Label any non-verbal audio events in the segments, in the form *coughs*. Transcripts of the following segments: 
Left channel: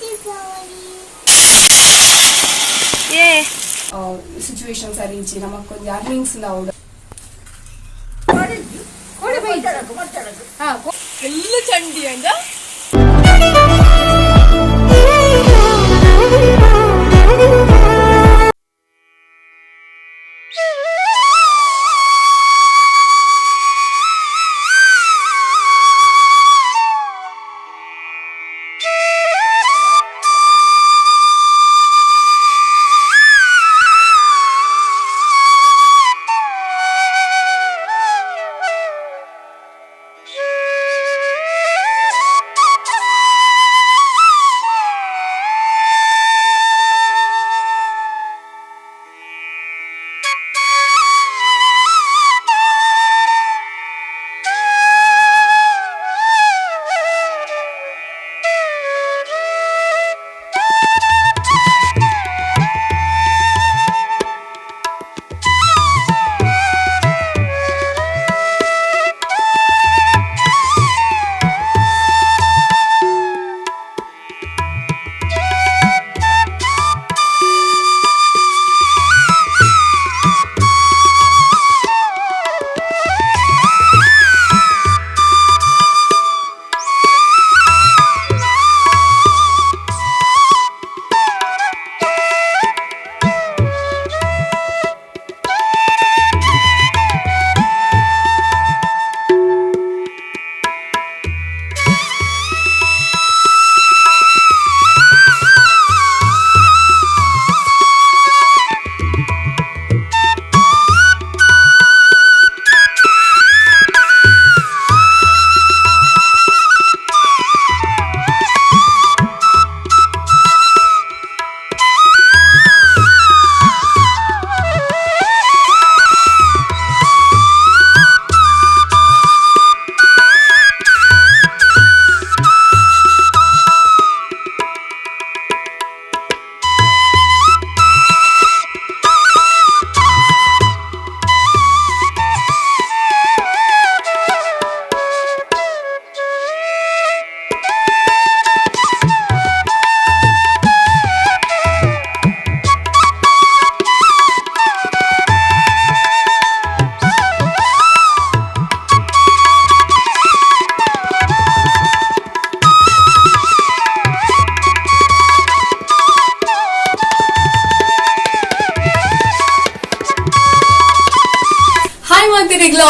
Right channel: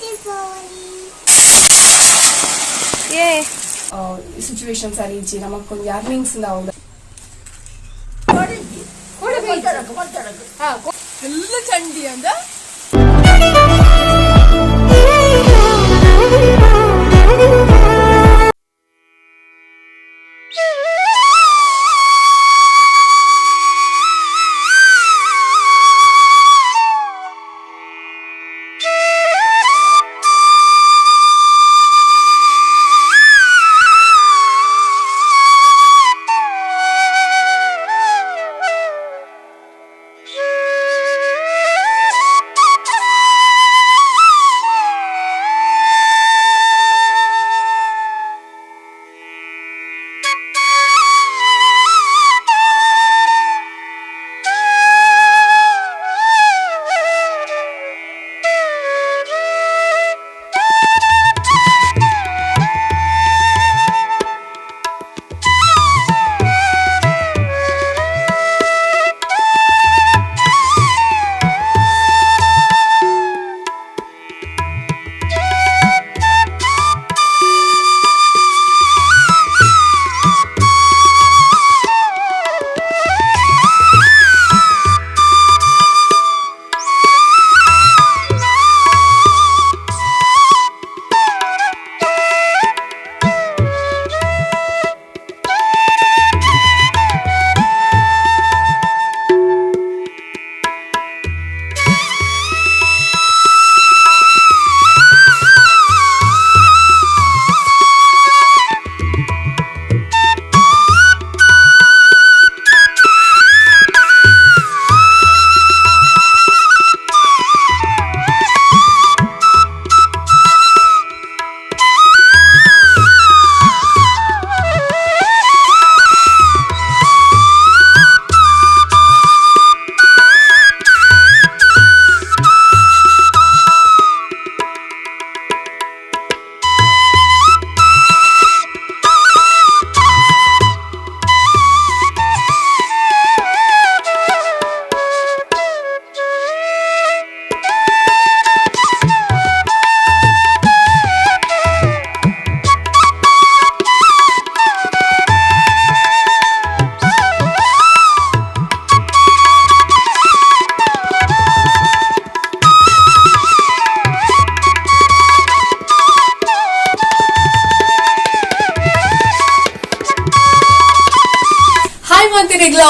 ದೀಪಾವಳಿ ಏ ಸಿಚುವೇಶನ್ ಸರಿ ಇಚ್ಚಿ ನಮಕ್ಕೊಂದು ಅರ್ನಿಂಗ್ಸ್ ಹೌದು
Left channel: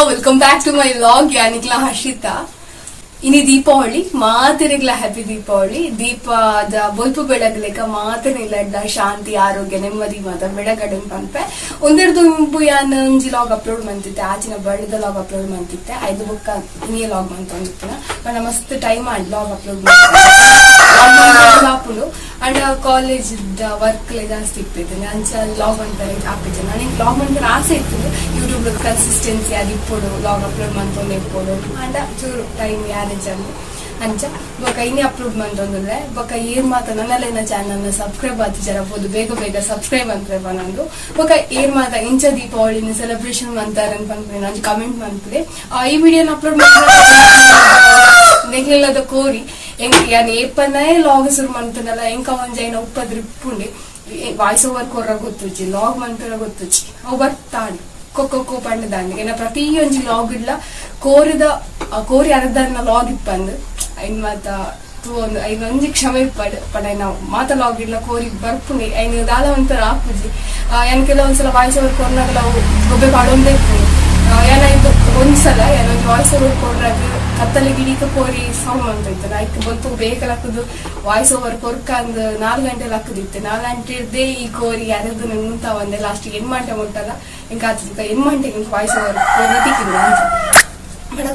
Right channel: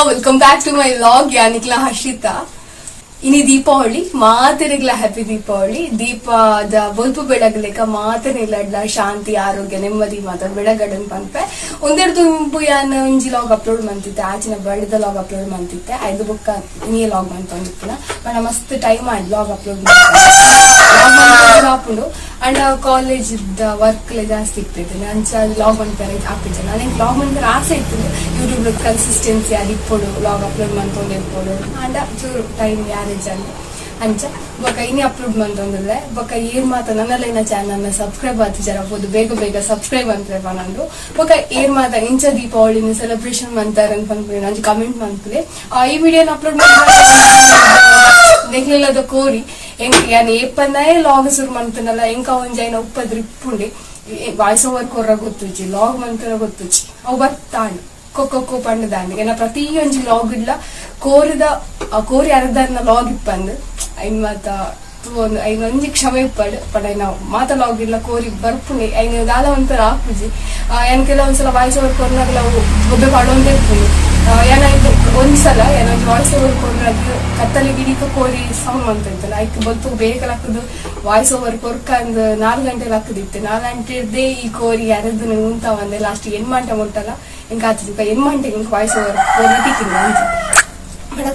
welcome back to my vlog ಯಾನಿಕ್ಲ Harshita ಇನಿ ದೀಪಾವಳಿ ಮಾತಿರಿಗ್ಲ ಹ್ಯಾಪಿ ದೀಪಾವಳಿ ದೀಪದ ಬೊಲ್ಪು ಬೆಳಗ್ಲೆಕ ಮಾತನಿಲ್ಲ ಶಾಂತಿ ಆರೋಗ್ಯ ನೆಮ್ಮದಿ ಮಾತ ಬೆಳಗಡೆ ಪಂಪೆ ಒಂದೆರಡು ಇಂಪು ಯಾನ್ ಒಂಜಿ ಲಾಗ್ ಅಪ್ಲೋಡ್ ಮಂತಿತ್ತೆ ಆಚಿನ ಬರ್ಡದ ಲಾಗ್ ಅಪ್ಲೋಡ್ ಮಂತಿತ್ತೆ ಐದು ಬುಕ್ಕ ಇನ್ನೇ ಲಾಗ್ ಮಂತೊಂದಿತ್ತಿನ ಬಣ್ಣ ಮಸ್ತ್ ಟೈಮ್ ಆಯ್ತು ಲಾಗ್ ಅಪ್ಲೋಡ್ ಮಂತ್ ಹಾಪುಂಡು ಅಂಡ್ ಕಾಲೇಜ್ ವರ್ಕ್ ಜಾಸ್ತಿ ಇರ್ತಿದ್ದೇನೆ ಅಂಚ ಲಾಗ್ ಮಾಡ್ತಾರೆ ಹಾಕಿದ್ದೆ ನನಗೆ ಲಾಗ್ ಮಾಡ್ತಾರೆ ಆಸೆ ಇರ್ತದೆ ಯೂಟ್ಯೂಬ್ ಕನ್ಸಿಸ್ಟೆನ್ಸಿ ಅದು ಇಪ್ಪಡು ಲಾಗ್ ಅಪ್ಲೋಡ್ ಮಾಡ್ಕೊಂಡು ಇಪ್ಪಡು ಅಂಡ ಚೂರು ಟೈಮ್ ಮ್ಯಾನೇಜ್ ಅಲ್ಲಿ ಅಂಚ ಬೊಕ ಇನ್ನೇ ಅಪ್ಲೋಡ್ ಮಂತೊಂದುಲ್ಲೆ ಬೊಕ ಏರ್ ಮಾತ ನನ್ನಲ್ಲೇನ ನ ಸಬ್ಸ್ಕ್ರೈಬ್ ಆತು ಜರಬಹುದು ಬೇಗ ಬೇಗ ಸಬ್ಸ್ಕ್ರೈಬ್ ಅಂತ ನಂದು ಬೊಕ ಏರ್ ಮಾತ ಇಂಚ ದೀಪಾವಳಿನ ಸೆಲೆಬ್ರೇಷನ್ ಮಾಡ್ತಾರೆ ಅಂತ ಬಂದ್ಬಿಡಿ ನಾನು ಕಮೆಂಟ್ ಮಾಡ್ತೀವಿ ಈ ವಿಡಿಯೋನ ಅಪ್ಲೋಡ್ ಮಾಡ್ಲಿಲ್ಲದ ಕೋರಿ ಹೆಂಗ್ ಯಾನ್ ಏಪನ್ನೇ ಲಾಗ್ ಶುರು ಮಾಡ್ತಾನಲ್ಲ ಎಂಕ ಒಂಜೈನ ಉಪ್ಪದ್ರ ಇಪ್ಪುಂಡಿ ವಾಯ್ಸ್ ಓವರ್ ಕೊರ್ರ ಗೊತ್ತುಜಿ ಲಾಗ್ ಮಂತರ ಗೊತ್ತುಜಿ ಅವು ಬರ್ತಾಂಡ್ ಕೊಕ್ಕೊ ಪಂಡ ದಾಂಡಿಗೆ ಪ್ರತಿ ಪ್ರತಿಯೊಂಜಿ ಲಾಗ್ ಇಡ್ಲ ಕೋರಿದ ಕೋರಿ ಅರ್ಧನ ಲಾಗ್ ಇಪ್ಪಂದ್. ಐನ್ ಮಾತ ಒಂದು ಐನ್ ಒಂಜಿ ಕ್ಷಮೆ ಇಪ್ಪಡ್ ಪಡ ನಾವು. ಮಾತ ಲಾಗ್ ಇಡ್ಲ ಕೋರಿ ಬರ್ಪು ಐನ್ ದಾಲ ಒಂಥರ ಆಪುಜಿ ಕೆಲ ಒಂದ್ಸಲ ವಾಯ್ಸ್ ಓವರ್ ಕೊರ್ನಾಗಲ ಒಬ್ಬೆ ಪಾಡೊಂದೇ ಇರ್ತೀನಿ ಏನಾಯ್ತು ಒಂದ್ಸಲ ಏನೋ ವಾಯ್ಸ್ ಓವರ್ ಕೊಡ್ರೆ ಅದು ಕತ್ತಲೆ ಗಿಡಿತ ಕೋರಿ ಸಾಂಗ್ ಅಂತ ಇತ್ತು ಆಯ್ತು ಬಂತು, ಬೇಗ ಹಾಕುದು ವಾಯ್ಸ್ ಓವರ್ ಕೊರ್ಕ ಅಂದ್ ನಾಲ್ಕು ಗಂಟೆ ಹಾಕದಿತ್ತೆ ನಾಲ್ಕು ಗಂಟೆ ಇರ್ದೇ ಈ ಕೋರಿ ಯಾರದ್ದು ಉಂಟ ಒಂದೇ ಲಾಸ್ಟ್ ಎನ್ ಮಂಟೆ ಮುಟ್ಟಲ್ಲ ಇಂಕ ಆತದ ಮಂಟೆ ಇಂಕ ವಾಯ್ಸ್ ಓವರ್ ಕೊರ್ರತಿಕ್ಕಿಲ್ಲ ಅಂತ.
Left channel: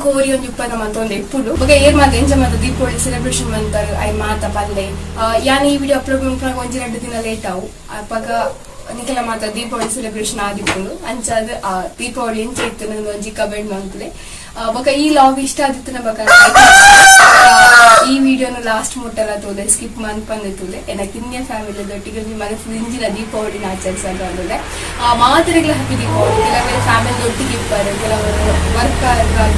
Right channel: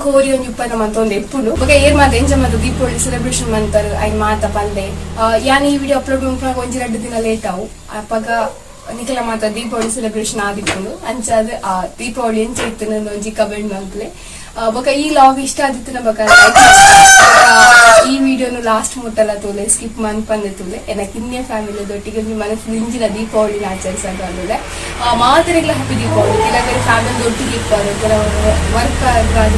ಕೋರಿ ಒಂದು ಉಪ್ಪನ ಮಂತ ಒಂದು ಎಪ್ಪುಡು ಬಗ್ಗೆ ಏರ್ ಮಾತ ಎಂಜ ಮಾತ ದೀಪಾವಳಿ ಸೆಲೆಬ್ರೇಷನ್ ಮಂತಲ್ ಐ ಮಾತ, ಪಲ್ಲೆ. ಯಾನ್ ಈ ವಿಡಿಯೋ ಅಪ್ಲೋಡ್ ಮಾಡ್ಕೊಂಡು ಒಂಜಿ ಎರಡು ದಿನ ಲೇಟ್ ಆವು. ಅಪ್ಪಾಗ ನಿಖಿಲ ಮಾತ ದೀಪಾವಳಿ ಸೆಲೆಬ್ರೇಷನ್ ಆದಿತ್ತು ಅಂಚಾದ, ಆ, ದೀಪಾವಳಿ ಎಂಚ ಇತ್ತು ನನ್ನ ಒಂಜಿ ಕಮೆಂಟ್ ಮಂತ್ಲೆ ಬೊಕ ಈ ಲಾಗ್ ಇಷ್ಟ ಆದಿತ್ತು ಬಕ ಈ ವಿಡಿಯೋನು ಲಾಸ್ಟ್ ಮುಟ್ಟಲ ತೋಲೆ ಸ್ಕಿಪ್ ಮನ್ ಪಂದೆ ತೋಲೆ ಇನ್ನೇ ಫ್ಯಾಮಿಲಿ ದೊಟ್ಟಿಗೆ ನಿಮ್ಮ ಮನಸ್ಸು ಇಂಜಿನ ದೀಪಾವಳಿನ ಆಚರಿಸಲು ಅಂದ್ರೆ ಮಾತ್ರೆಗಳ ಹ್ಯಾಪಿ ದೀಪಾವಳಿ. ಕೆಲವರ ಫ್ಯಾಮಿಲಿ ಒಟ್ಟಿಗೆ ಇಪ್ಪಾರೆ ಕೆಲವರು ವರ್ಕ್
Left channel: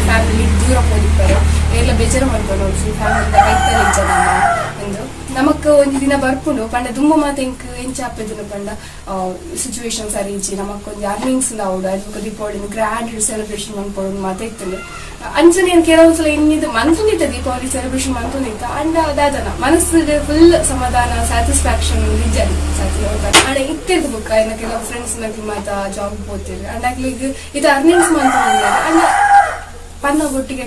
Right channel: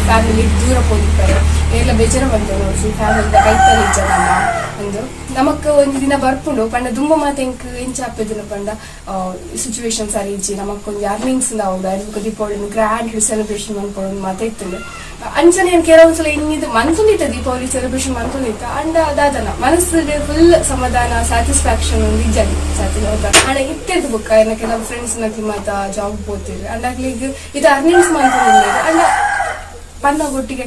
ಫ್ಯಾಮಿಲಿ ದೂರ ಹೋಗಿರ್ತಾರೆ ಎಲ್ಲ ಬೇಜಾರ ಮಾಡ್ತಾರೆ ಫ್ಯಾಮಿಲಿ ರೈತಲ್ಲಿ ಜನ ನಮಕ್ ಒಂಜಿ ದಿನ ಬರ್ಪುಂಡು, ಪಂಡ ದುಂಬ ಮಾತ ಎಂಕ್ ಎಂಚ ಆಪೆದಿನ ಪಂಡ ಸರಿ ಇಂಚಿ ನಮಕ್ ಒಂಜಿ ಅರ್ನಿಂಗ್ಸ್ ದಾವುಡು ಅದಕ್ಕೆ ದೀಪಾವಳಿ ಗ್ರ್ಯಾಂಡ್ ಸೆಲೆಬ್ರೇಷನ್ ಮನ್ಪೊಡು ಮಾತ ಇತ್ತುಂಡು ಅಂಚನೆ ಏನ್ ಕೆಲವೊಂದ್ಸಲ ಇನ್ನಿದು ಮಂತುಂದಿತ್ತ ದೀಪಾವಳಿ ಸೆಲೆಬ್ರೇಷನ್ ಮಂತುಂದಿತ್ತ ಅಂಡ ದಾದನ ಮನಸ್ಸಿಗೆ ಫುಲ್ ಸಮಾಧಾನ ಸ್ಯಾಟಿಸ್ಫ್ಯಾಕ್ಷನ್ ಒಂದು ಅಂಡ್ ಇತ್ತಿರ್ದು ಬುಕ್ಕ ಏನ ಕೆಲವು ಫ್ರೆಂಡ್ಸ್ ನಕ್ಲಿ ಮಾತ ಜಾಬ್ ಹೋಗ್ತಿದ್ರು. ಅಂಡ ಆಗ್ಲಿ ಇದು ಅರ್ನಿಂಗ್ಸ್ ಮಂತ್ ಅಂಡ ಪನ್ನ ಒಟ್ಟಿಗೆ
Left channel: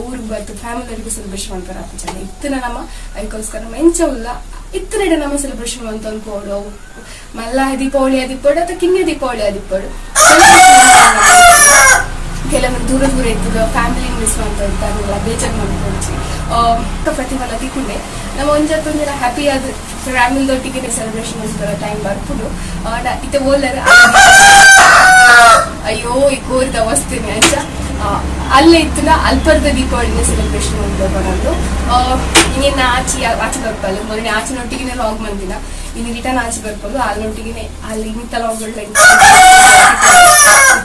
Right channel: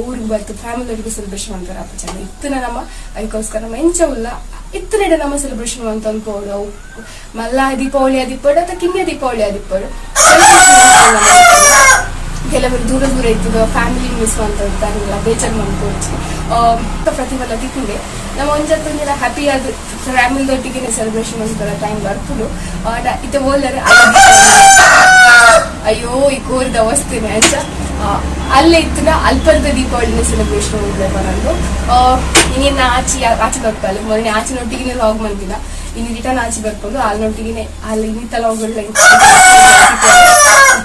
ಊರಿಗೆ ಬತ್ತು ಫ್ಯಾಮಿಲಿಗೆ ಸೆಲೆಬ್ರೇಷನ್ ಮಾಡ್ತಾರೆ ಅಪ್ಪ ಚೆನ್ನ ಇತ್ತಿನ ನಮ್ಮ ಅದಕ್ಕೋಸ್ಕರ ನಮ್ಮ ಎಂಚ ಉಲ್ಲ ಇತ್ತಿನ ನಮ್ಮ ಸೆಲೆಬ್ರೇಷನ್ ಅಂತ ಅನ್ಕೋಡು ಮಲ್ಲ ದೀಪಾವಳಿ ಅದಿಪ್ಪಡು ಅಥವಾ ಕಿನ್ಯ ದೀಪಾವಳಿ ಅದಿಪ್ಪಡು *coughs* ಕೆಲವರು ದೂರ ದೂರ ಇದ್ದದ ಫ್ಯಾಮಿಲಿ ಮಿಸ್ ಅಂತ ಬೇಜಾರ್ ಅಹ್ ಪ್ರತಿಫಲ ತಿಕ್ಕೊಂಡೆ ನಮ್ಮ ಒಂಜತ್ತು ಒಂದಿನ ಹ್ಯಾಪಿ ಆದ ಫ್ಯಾಮಿಲಿದೊಟ್ಟಿಗೆ ಸೆಲೆಬ್ರೇಷನ್ ಮಾಡ್ತಾರ ಟೈಮ್ ಬರ್ಬೋದು ಇತ್ತ ಓಲರೆ ಅಯ್ಯೋ, ಈ ಕೋರಿದ ಅವಸ್ಥೆನೆ ಅಂಚ ಅಲ್ಲೇ ಇತ್ತಿನ ಅಲ್ಪರ್ದ ದೀಪಾವಳಿನ ಸೆಲೆಬ್ರೇಷನ್ ಮಾಡ್ದೆ ಬರೋದು. ಇನ್ನೇನು ಆಚೆ ಆಚೆ ಬರ್ಬಲ್ಲ ಮೊನ್ನೆ ಆಚಿನೊಟ್ಟಿಗೆ ಲಾಗ್ ಬಂದಿಲ್ಲ. ಇನ್ನು ರಿಟರ್ನ್ ಆಚೆ ಬರ್ಕೊಂಡು ಅಲ್ಲೊಟ್ಟಿಗೆ ಅಲ್ಲಿ ಇನ್ನಿತ್ತ ಲಾಗ್ಗಳ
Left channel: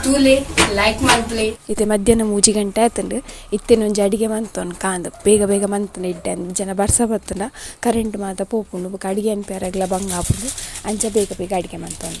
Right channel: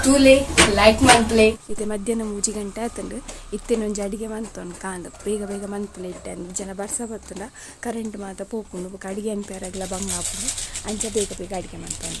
ತೂಲೆ ಲೈಕ್ ಮಂತ್ಲೆ ಇತ್ತೆ ಮಧ್ಯಾಹ್ನ ಮೂಜಿ ಗಂಟೆ ಆಯ್ತಂದ್ರೆ ಇತ್ತೇನು ಒಂಜಿ ಅಡಿಗೆ ಮಂತೊಂದು ಕಾಂದ. ಬೇಗ ಬೇಗ ಮಂತನ ಇಟ್ಟೆ ಅಂದ್ರೆ ಜನ ಬರ್ಸ ಬತ್ತಂಡ ಕರೆಂಟ್ ಮಾತ ಪೋಪುಂಡು. ಅಡಿಗೆ ಅನ್ಪೇರಾಗ್ಲ ಬಂಗ ಹಾಕೊಂಡು ಅಂಚ ಬೇಗ ಬೇಗ ಅಡಿಗೆ ಮಂತೊಂಡ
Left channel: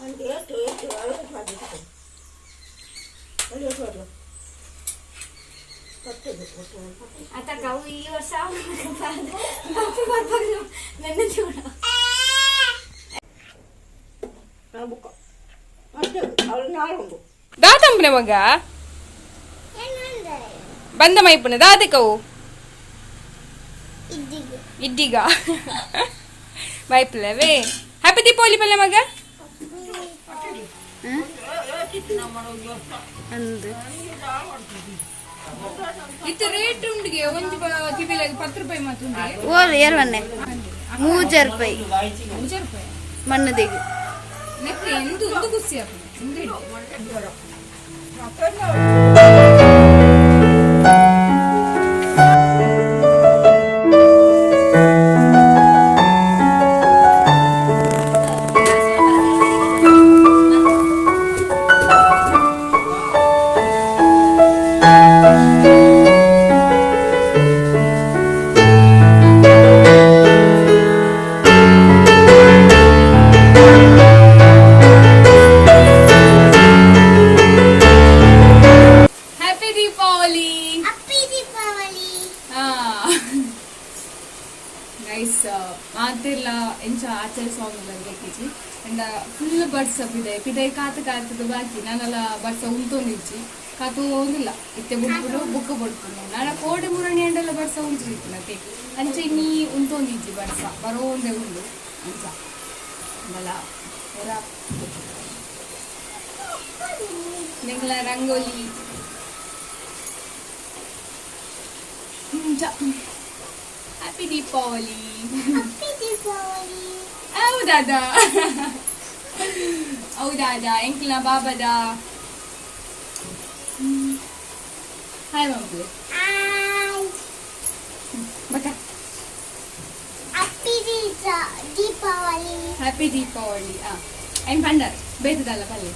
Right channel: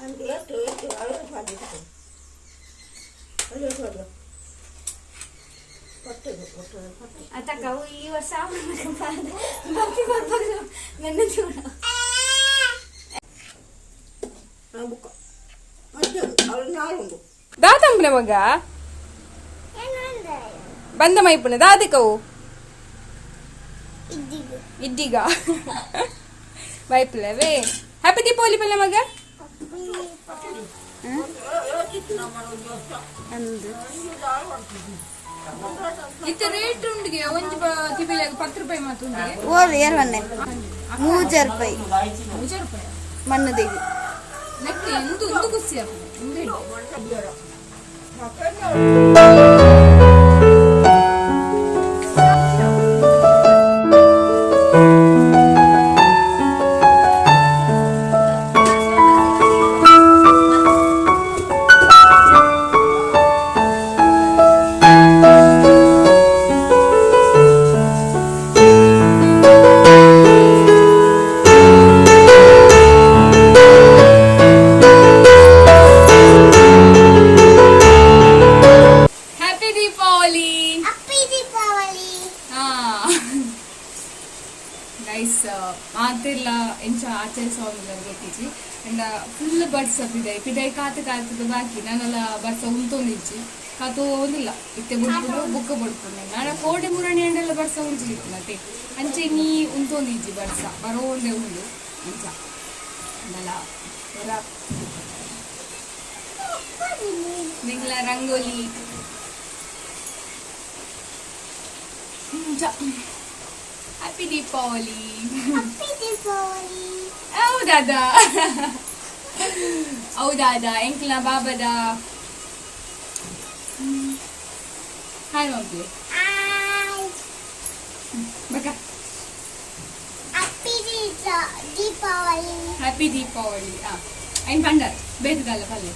ಇನ್ಮ ಇಪ್ಪುಗ ಅಂದ್ ನನಕ್ಕೆ ಪಾಡೊಚ್ಚಿ ಸ್ವಾಮಿ ಅತ್ತಕ್ಕ ಅವು ಈ ವರ್ಷ ಬಾಕಿ ಬರ್ಬೋದು ನನ್ನ ಜೀವನ ದಾತಂಪನ ಮಗ? ಬಂದ ಮೈಪುನ ದಾದಕವು ಇಡ್ಡಿಗ ಮೈಪುಲವೇ ಹ್ಯಾಪಿ ದೀಪಾವಳಿ ಪಲ್ಲೆ ಮಗ. ಅಂದು. ಇತ್ತು ರೇಟ್ ಉಂಡಿಗೆ ಒಂದು ಕಿಬಿಲಾಗಿ ಪತ್ತು ರೂಪಾಯಿ ಎರವನ್ನೆ ರೂಪಾಯಿ. ಮೂಜರ್ ರೂಪಾಯಿ? ಮಣ್ಣದಿಗೆ. ನೆಕ್ಸ್ಟ್ ಎಂದು ಒಂದು ಖುಷಿ ಆಗ್ತದೆ ಕಾತದ ಬಾಕಿ. ನಾನೆಲ್ಲ ಬರ್ಸ ಉಂತೊಂದಿಜ್ಜಿ ಕಾತು ಒಂದಿಲ್ಲ ಇತ್ತೆ ಬುಡ್ಕೊಂಡು ಬುಕ್ಕ ಬಡ್ಕೊಂಡು. ನಾನು ಕೋಡಿ ಮುರಣಿ ಅಂಡೆಲ್ಲ ಬರ್ಸ ಉಂಚಿತ್ತು ಮತ್ತೆ. ಅಂಚೆ ನೀ ಉಂತೊಂದಿಜ್ಜಿ ಬರ್ಸ ಬರೋ ಒಂದೇ ಉಂಡು ಅಂಚ. ಅಂದಲ್ಲ ರಂಗೋಲಿ. ಹ್ಯಾಪಿ ದೀಪಾವಳಿ. ಹೌದಾದ ಹೌದಾದ ಎಂಕ್ಲ ಬಾಬದ? ಹಾಯ್ ಮಗ್ಳು ಬಕ ದೀಪಾವಳಿ ಹ್ಯಾಪಿ ದೀಪಾವಳಿ ಆ ಐನ್ ಪಂಡರ್ ಬೇತದಲ್ಲ ಪಲ್ಲೆ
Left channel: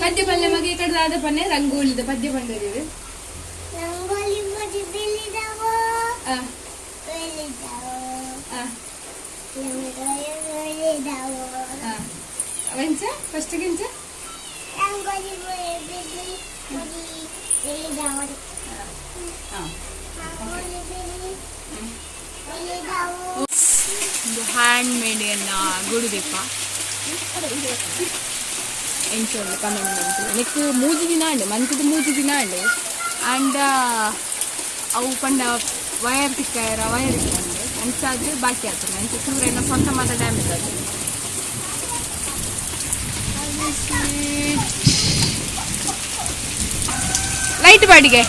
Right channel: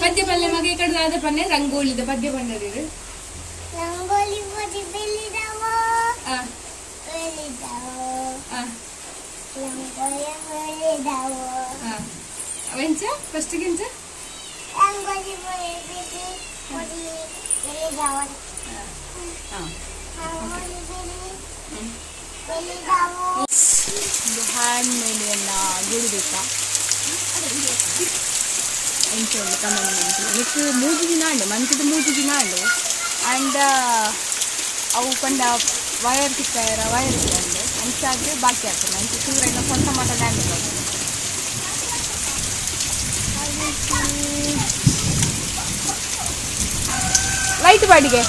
ಪದ್ಯ ಪಲ್ಲೆ ಮಗ ಈ ಕಡೆ ಆದ ಪನ್ನೆ ರಂಗೋಲಿದ ಪದ್ಯ ಪಂಡರಿರು ರಂಗೋಲಿ ಮದಿ ಬೆಳಿದಾವ ಆ ಬೆಳಿದಾವ ಆ ರಂಗೋಲಿ ಬೆಳಿದಾವ ಆ ಅವೆಂಚ ಫಸ್ಟ್ ಗೆಂಚ ರಂಗೋಲಿ ಮದಿ ಬಿಡಿ ಮದಿ ಬೆಳಿದಾವ ಹಾ ರಂಗೋಲಿ ಬೆಳಿ ಫಸ್ಟ್ ಗೆಂಚ? ಇದು ಹ್ಯಾಂಡ್ ಮೇಡ್ ಎಲ್ಲ ಗುಡುದೀಪ ಎಂಚೋళ్ళు ಕಮೆಂಟ್ ನೆಕ್ಸ್ಟ್ ಮೂಜಿ ದಿನ ಅಂಡು ಮಂತ್ದು ಮೂಜಿ ದಿನ ಅಂಡು ಅಂಡ್ ಅವು ಪಂಡ ವಯರ್ ಕಿಕ್ಕಾಯರ ವಯರ್ ಇಟ್ಟಂಡು ಅಂಚಾದ್ರೆ ಬಾಕಿ ಆಗ್ತದೆ. ಅಂಚೆ ಸೂರ ಇನ್ನು ಸ್ವಂತ ಮಾತ್ರ ಡ್ಯಾಮೇಜ್ ಆಗ್ತದೆ ಲೈಟ್ ಬಾಡಿಗೆ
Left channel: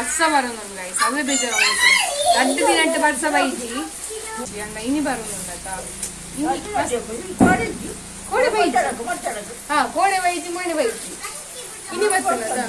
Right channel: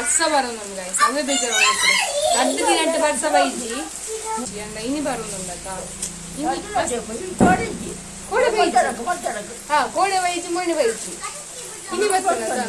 ಬರ್ಸ ಬರೋನು ಗೈಸ್ ಅವೇ ಬೇಜಾರು ಆಗ್ತದೆ ದೊಡ್ಡ ದಿನ ಅಂತ ಬರ್ಸ ಬೈಜಿ ಅಂದ ಇನಿ ಬರೋನುಂಡತ ಕೋಡೆ ಬೈಜಿ ಹಾ ಕೋಡೆ ಬೈಜಿ ಮಣ್ಣು ಬೈಜಿ ಇನಿ ಬರ್ತದ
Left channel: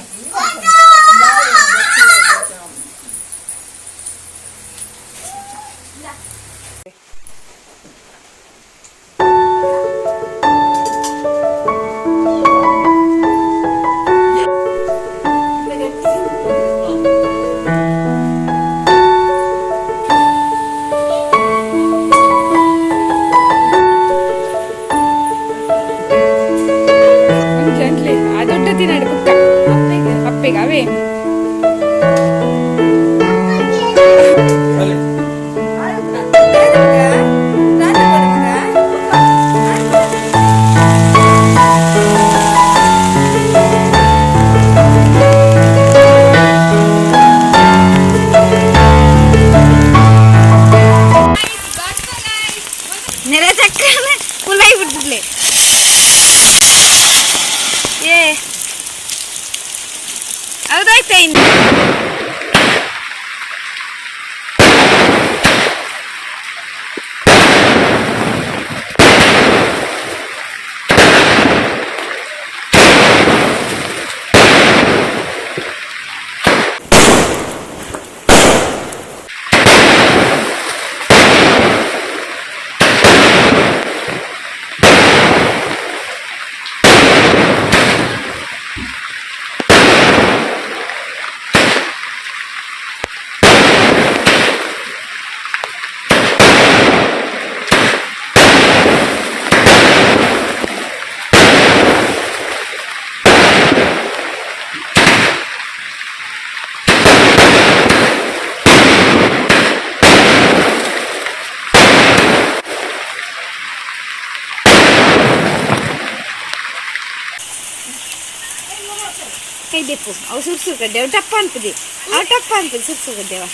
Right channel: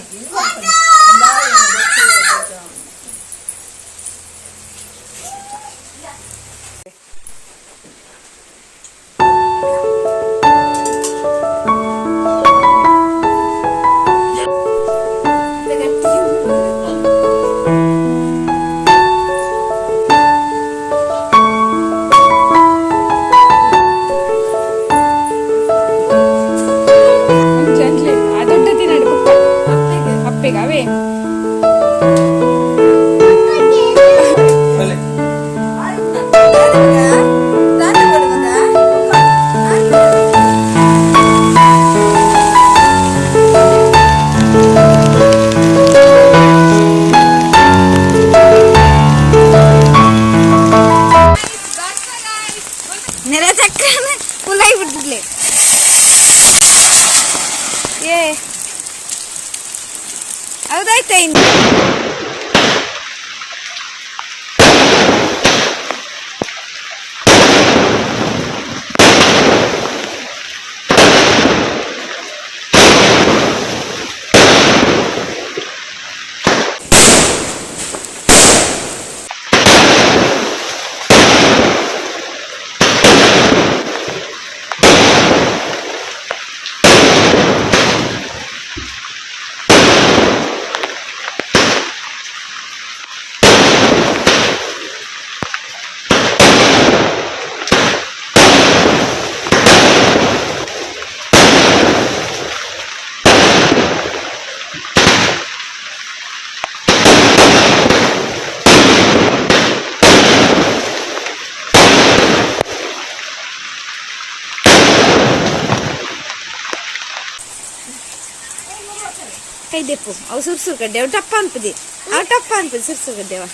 ಕೈದೆಪ್ಪು ಅವು ಸುರ್ಸುರ್ ಗಡ್ಡೆ ಅವು ಟಪ್ಪ ಅನ್ಪುದಿ ಅವು ಟಪ್ಪ ಅನ್ಪುದಿ ಸುರ್ಸುರ್ ಗಡ್ಡೆವ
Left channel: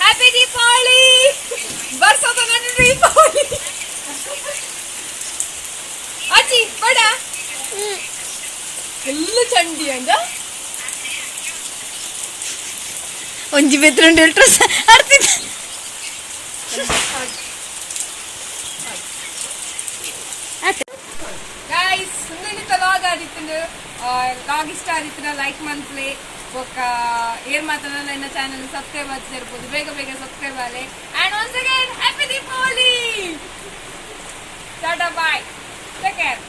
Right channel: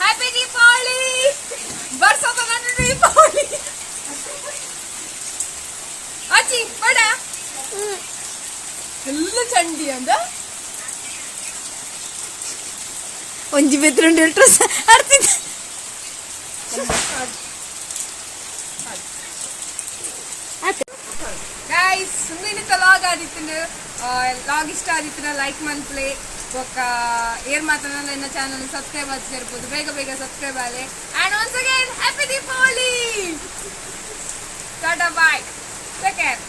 ಹ್ಯಾಪಿ ದೀಪಾವಳಿ ಬರ್ಸದ ನನ್ನ ದೀಪಾವಳಿ ಅಜ್ಜಿ ಬಡ ಎಲ್ಲ ಚಂಡಿ ಅಂದ ಒಂಜಿ ಬೆತ್ರುಂಡು ಡ್ರೆಸ್ ಅರ್ತಿದ್ದ ಗೈಸ್ ಸುಮ್ಮನೆ ಲಾಗ್ ಆದಿತ್ತು ಲಾಗ್ ಇಷ್ಟ ಆದಿತ್ತು ಲೈಕ್ ಮಂತ್ಲಿ ಬೊಕ್ಕ ಏರ್ ಮಾತನಾಡ ನನ್ನ ಚಾನಲ್ ಸಬ್ಸ್ಕ್ರೈಬ್ ಆಗಿ ಸೇರ್ಬೋದು. ಬೇಗ ಬೇಗ ಸಬ್ಸ್ಕ್ರೈಬ್ ಆಗಲಿ and once again happy Deepavali tata bye take care